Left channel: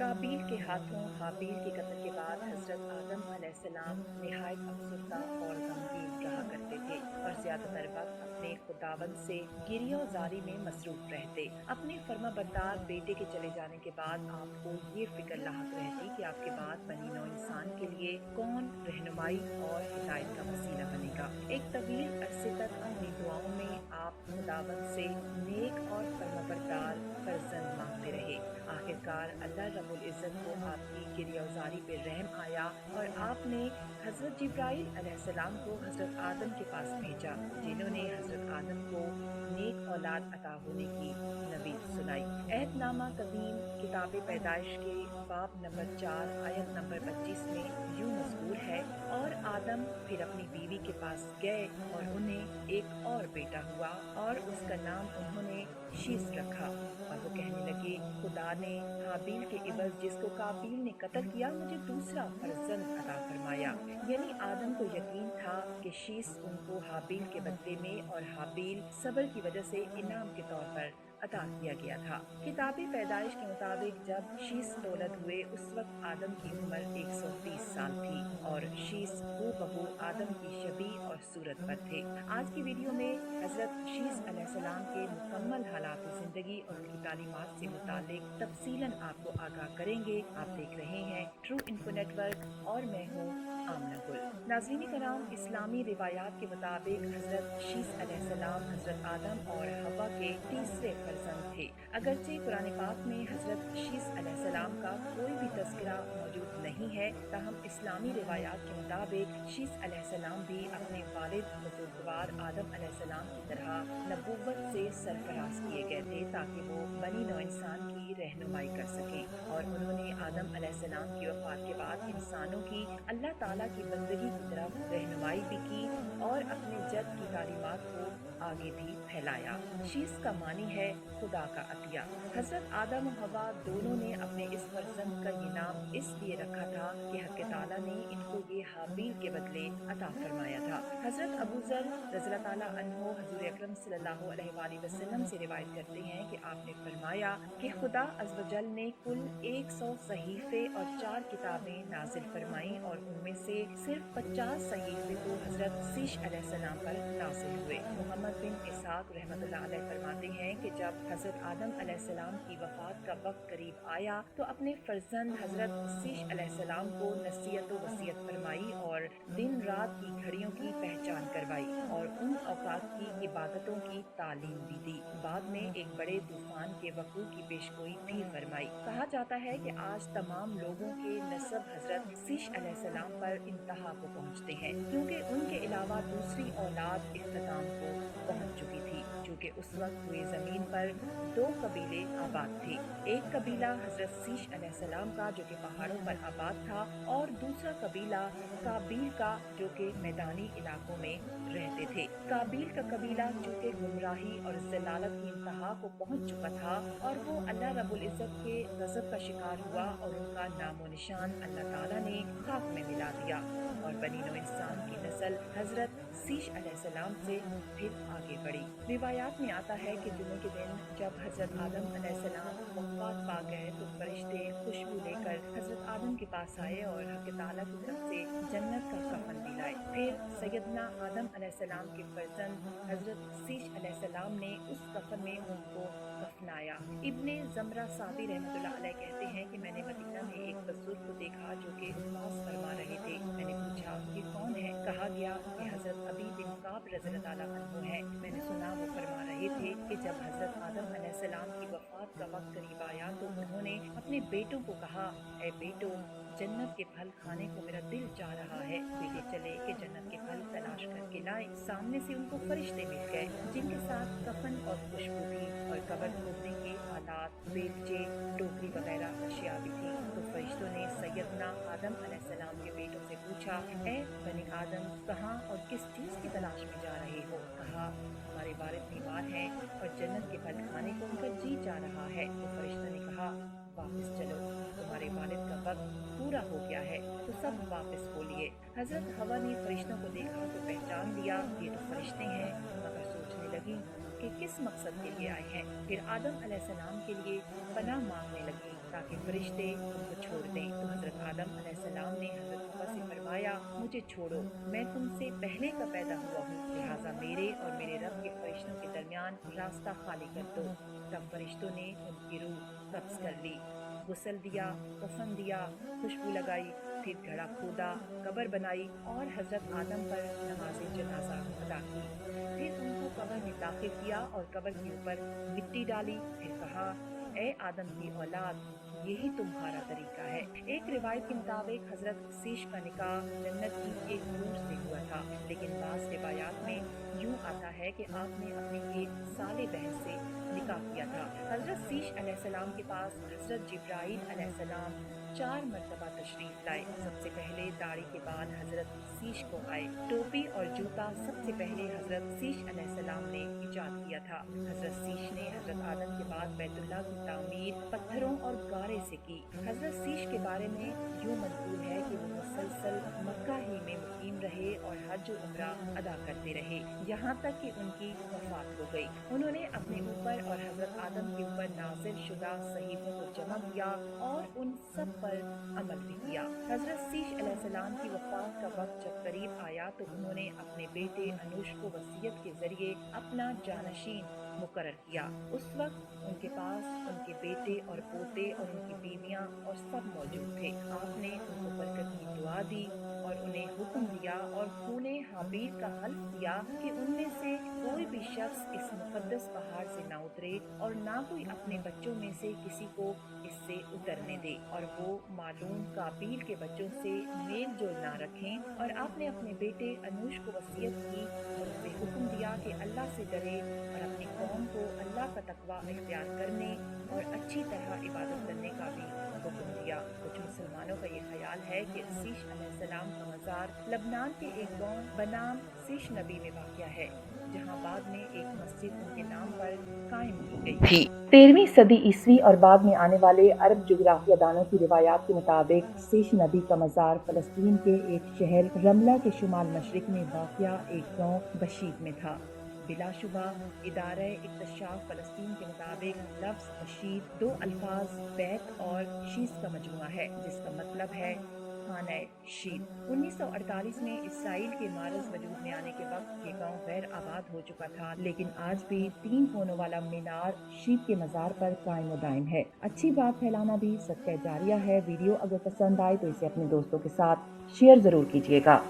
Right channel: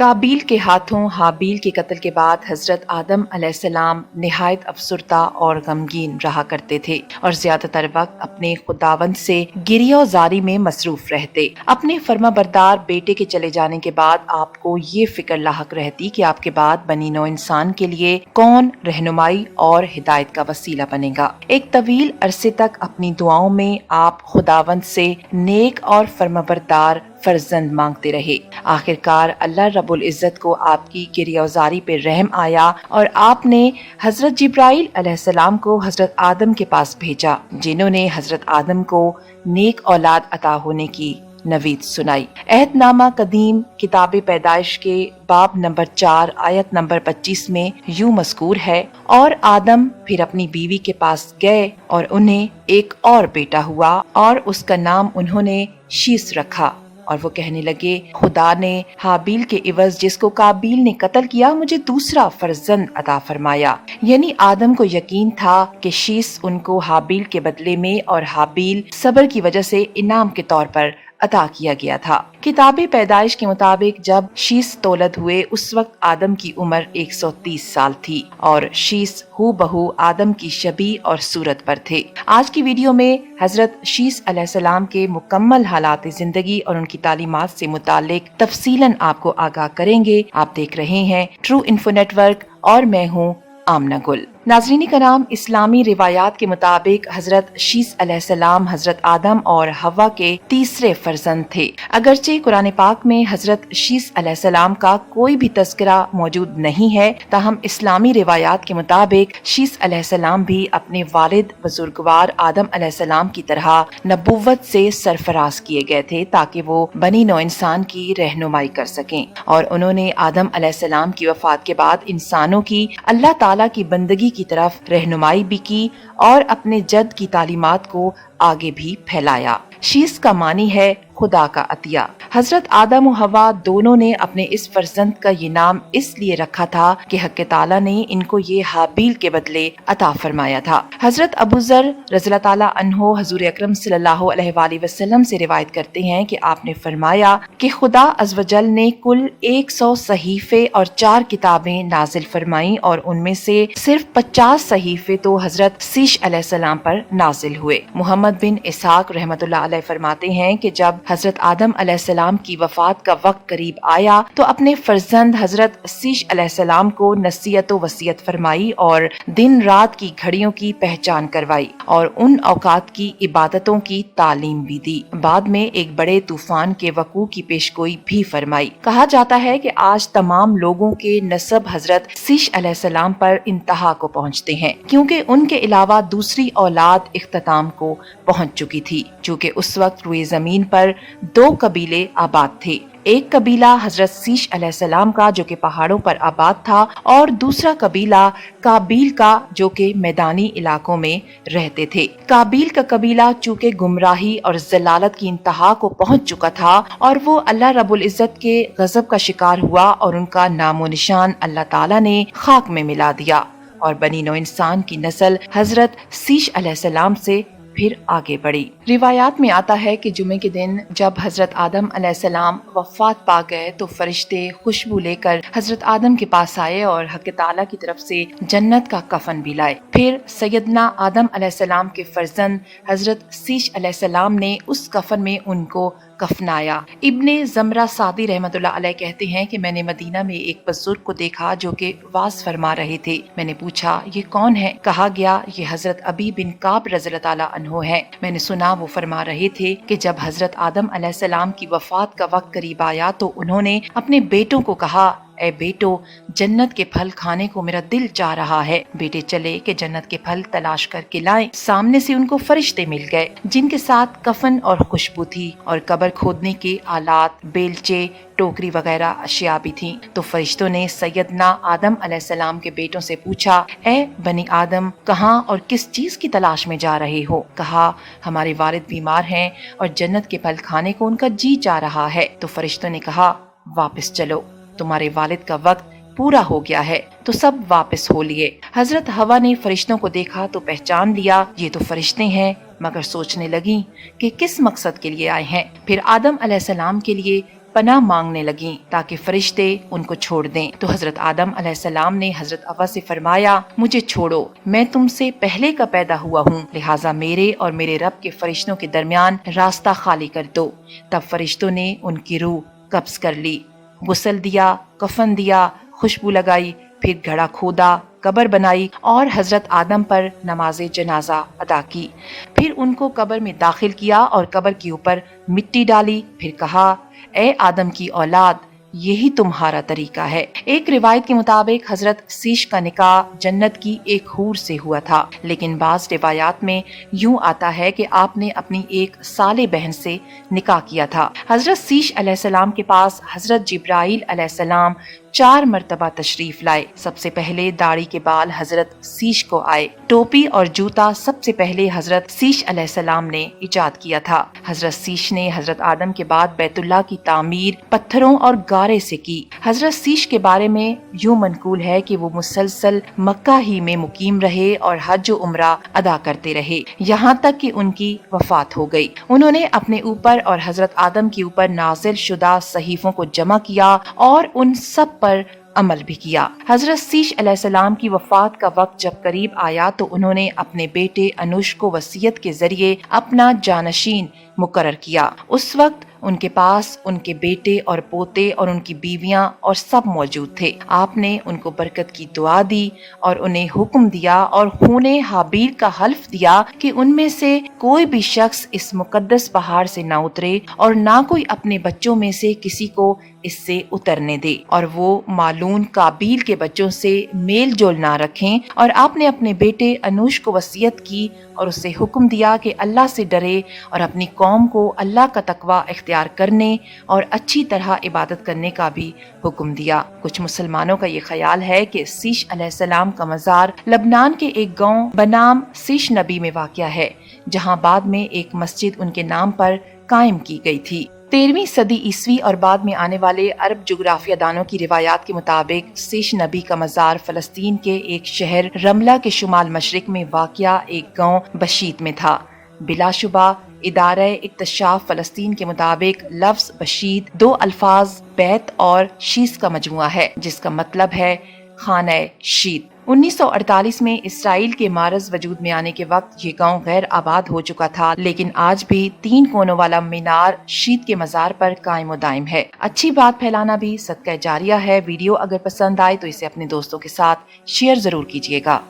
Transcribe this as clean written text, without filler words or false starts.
काबिल के हाथों हाबिल के कत्ल के बाद हजरत आदम अलैहिस्सलाम निहायत अफसुर्दा और गमगीन रहा करते थे और ज्यादातर वक्त अपने खुदावंद से गिरियाज़ारी में मसरूफ रहते। अपने फर्माबरदार बेटे के चले जाने के बाद आपको ये फिक्र लाहक रहती कि आपके बाद बनी नौ इंसान के लिए कौन रहनुमाई और हिदायत का वसीला बनेगा। एक तवील अरसे तक अपनी दुआओं में आप खुदावंद से नेक और फर्माबरदार फर्जंद मांगते रहे। आखिरकार अल्लाह रब्बुल इज्जत को आपकी गिरियाज़ारी पे रहम आया और आपने हजरत जिब्राइल अलैहिस्सलाम को हजरत आदम के पास भेजा, जिन्होंने हजरत आदम को नेक औलाद अता होने की नवीद सुनाई। अहदनामा कदीम किताब पैदाइश के बाब नंबर 4 आयत नंबर 25 में यूं मज़कूर है, और आदम फिर अपनी बीवी के पास गए और उन्हें एक और बेटा हुआ और उसका नाम उन्होंने शीस रखा। और वो कहने लगे, खुदा ने हाबिल के इवज जिसको काबिल ने कत्ल किया मुझे दूसरा फर्जंद अता फरमाया। यानी आदम को यकीन था कि शीस उनको हाबिल के बदले में और हाबिल सब्र की वजह से इनाम के तौर पर अता किया गया था। किताबे पैदाइश के मुताबिक जब शीस तौलद हुए उस वक्त आदम की उम्र 130 साल थी और शीस हू बहू आदम की शबी और सूरत पर थे। आज की वीडियो में हजरत शीस अलैहिस्सलाम के मुकम्मल हालात जिंदगी और उनकी तालीमात से मुतालिक तफसीलन आपको आगाह करेंगे। आप देख रहे हैं ट्रू इन्फो नेटवर्क और मैं हूँ आमना गुल। नाज़रीन कराम, इस्लामी रिवायात के मुताबिक हजरत शीस अलैहिस्सलाम हजरत आदम और हवा के तीसरे फर्जंद थे। अगरचे कुरान पाक में हजरत शीस अलैहिस्सलाम का कोई भी तज़किरा मौजूद नहीं है, ताहम इस्लामी रिवायात के मुताबिक शीस अलैहिस्सलाम भी अपने वालिद बुजुर्गवार आदम अलैहिस्सलाम की तरह नबुव्वत से सरफराज किए गए थे ताकि वो बनी नौ इंसान की रहनुमाई कर सकें। और उन्होंने आदम अलैहिस्सलाम की वफात के बाद इंसानों की अल्लाह ताला की बंदगी की तरफ रहनुमाई भी की और अपने जद की तालीमात को आगे भी फैलाया। शीस का मानी है खुदा का अतिया। हजरत आदम और हवा दोनों ने अपने इस फर्जंद का ये नाम इसलिए रखा था कि हक़ ताला ने इनको ये हाबिल के बदले अता फरमाया था। हजरत अबू ज़र रज़ियल्लाहु ताला अन्हो हुज़ूर अकरम सल्लल्लाहु अलैहि वसल्लम से रिवायत करते हैं कि आपने फरमाया कि खुदा अज़्वजल ने कुल 100 सहीफे और 4 किताबें नाजिल फरमाई और उनमें से सिर्फ 50 सहीफे तो हजरत शीस अलैहिस्सलाम पर नाजिल हुए। मोहम्मद बिन इसहाक रहमतुल्लाह अलैह फरमाते हैं कि जब हजरत आदम अलैहिस्सलाम की वफात का वक्त करीब आया तो अपने फर्जंद हजरत शीस अलैहिस्सलाम को नसीहत व वसीयत फरमाई और दिन रात की घड़ियों की पहचान करवाई और उन औकात की इबादतों की तालीम भी दी। बाद में एक बड़े तूफान के वकू की पेशगोई भी फरमाई। कहा जाता है कि आज तमाम लोगों के नसब हजरत शीस अलैहिस्सलाम पर इंतहा को पहुँचते हैं, क्योंकि उनके अलावा दूसरी औलाद इख्तिताम को पहुँच चुकी थी। चूँकि उस वक्त रुए जमीन पर 2 कबीले आबाद थे। एक कबीला हजरत शीस अलैहिस्सलाम का जो कि पहाड़ों पर आबाद था और दूसरा कबीला काबिल का जो कि मैदानी इलाकों में रहते थे। काबिल का कबीला चूँकि गुमराही और जलालत की इंतहा को पहुंच चुका था और वो अल्लाह रब्बुल इज्जत के गजब का शिकार हुआ और उनका नामो निशान अल्लाह ताला ने खाक में मिला दिया और बनी नौ इंसान की नस्ल हजरत शीस अलैहिस्सलाम से फिर आगे बढ़ी। रिवायात में आता है कि जुमे के दिन जब हजरत आदम अलैहिस्सलाम वफात पा गए तो फरिश्ते खुशबू लेकर हजरत आदम के पास आए और हक़ ताला की तरफ से जन्नत का कफन भी लाए। फिर सैयदना आदम अलैहिस्सलाम के फर्जंद हजरत शीस अलैहिस्सलाम ने उस कफन में उनको कफनाया। इब्ने ज़मरा सादी रहमतुल्लाह अलैह कहते हैं कि मैंने मदीना में एक बुजुर्ग को देखा जो कि वाज फरमा रहे थे। मैंने पूछा, ये कौन है? कहा गया, ये हजरत अबी बिन काब रज़ियल्लाहु ताला अन्हो है। मैंने सुना वो फरमा रहे थे कि जब हजरत आदम अलैहिस्सलाम की वफात का वक्त करीब आया तो उन्होंने अपने बेटों को कहा, ए बेटो, जन्नत के फल खाने को मेरा दिल चाह रहा है। बेटे चले कि जन्नत के फल तलाश करके लाएं। सामने से उनको फरिश्ते मिल गए जिनके साथ कफन और खुशबू थी और कब्र खोदने के आलात, बेलचे, टोकरी वगैरह अशिया भी थी। तो फरिश्तों ने सैयदना आदम अलैहिस्सलाम के बेटों से पूछा, ए बनी आदम, कहाँ और किस चीज की तलाश में जा रहे हो? कहा, हमारे वालिद बीमार हैं और जन्नत के फल खाने को उनका जी चाह रहा है। तो फरिश्तों ने कहा, वापस चलो, तुम्हारे वालिद का वक्त पूरा हो गया है। तो सब वापस हो लिए। हजरत हवा ने फरिश्तों को देखा तो पहचान लिया, ये तो फरिश्ते हैं, मगर सोचने लगी कि किस मकसद के लिए आए हैं। फिर आदम अलैहिस्सलाम के लिए पनाह मांगने लगी ताकि फरिश्ते उनको छोड़ दें। तो हजरत आदम अलैहिस्सलाम ने हजरत हवा से फरमाया, मुझे छोड़ो, मैं तुमसे पहले का पैदा हुआ हूँ, लिहाजा मेरे और मेरे रब के फरिश्तों के दरमियान रास्ता खाली कर दो। तब फरिश्तों ने उनकी रूह कब्ज कर ली, गुस्ल दिया, कफन दिया, खुशबू लगाई, फिर घड़ा खोदा, कब्र बनाई और हजरत आदम पर नमाज जनाजा अदा की। फिर उनको कब्र में दाखिल किया और कब्र के ऊपर मिट्टी डाली। फिर कहा, ए आदम की औलाद, यही तुम्हारा तरीका है। एक रिवायत के मुताबिक हजरत सीश का निकाह जन्नत की एक हूर से हुआ था, लेकिन बाज रिवायात में यूं आता है कि आपने अपनी एक साले बहन से निकाह किया था। हजरत सीश अलैहिस्सलाम के पास हजरत जिब्राइल अलैहिस्सलाम 4 मरतबा तशरीफ लाए। सबसे पहले दाढ़ी के बाल हजरत सीश को आए। टोपी और जूता सबसे पहले हजरत सीश अलैहिस्सलाम ने इजाद किया था। हजरत सीश ने हजरत आदम के बाद बैतुल्लाह की तामीर पत्थरों और गारे से की। हजरत सीश के बारे में यूं मनकूल है कि वो मुसलसल मक्का ही में मुकीम रहे और हज और उम्रा अदा करते रहे, यहाँ तक कि उनकी वफात हो गई। उन्होंने अपने ऊपर और हजरत आदम के ऊपर नाजिल शुदा सहीफों को जमा किया और उन सब पर अमल भी किया। हजरत सीश अलैहिस्सलाम की वफात का वक्त जब करीब आया तो उन्होंने अपने बेटे अनुश को वसीयत के जरिए अपना जानशीन मुकर्रर किया। उस वक्त उनके पास उनके बेटे और पोते और उनकी बीवियां और सब मौजूद थे। आपने उनको बरकत की दुआ दी और उन्हें हुक्म दिया और खूने हाबील का हल्फ दिया कि उनमें से कोई भी शख्स इस मुकद्दस पहाड़ से ना उतरे और ना कोई अपने बच्चों में से किसी को इससे उतरने दे, और वो मालून काबील के बच्चों से मेल जोल ना रखें। और आपने अपने बेटे अनुश को वसीयत की और उसे हुक्म दिया कि अल्लाह से डरे और अपनी कौम को अल्लाह का तकवा इख्तियार करने और अच्छी तरह इबादत करने का भी हुक्म दिया। कुछ मुसलमानों का ये ख्याल है कि सीश अलैहिस्सलाम का मज़ार लबनान के एक गांव बनाम सीश नबी में वाक़या है, जहां बाद में एक मस्जिद उनके नाम पर कायम की गई थी। 13वीं सदी ईस्वी और बाद में आने वाले अरब जोग्राफिया दानों की रिवायात के मुताबिक सीश नबी का मज़ार फलस्तीन के एक शहर रमला के शुमाल मशरिक में वाक़या एक गांव बशीत में था। बिलाशुबा इदारे इक्तशाफ फलस्तीन के मुताबिक लफ्ज़ बशीत 2 अल्फाज बैत और शीस का मजमुआ है, जिसका मतलब है खाना शीत। 1948 में इसराइल के मारज वजूद में आने के वक्त ये गांव गैर आबाद हो चुका था, लेकिन आज भी 3 कोनों वाला मीनार शीत के मज़ार पर कायम दायम है। अच्छी बात फैलाना भी सदका जारिया है। वीडियो अगर पसंद आए तो इसे अपने दोस्तों के साथ शेयर जरूर कीजिएगा।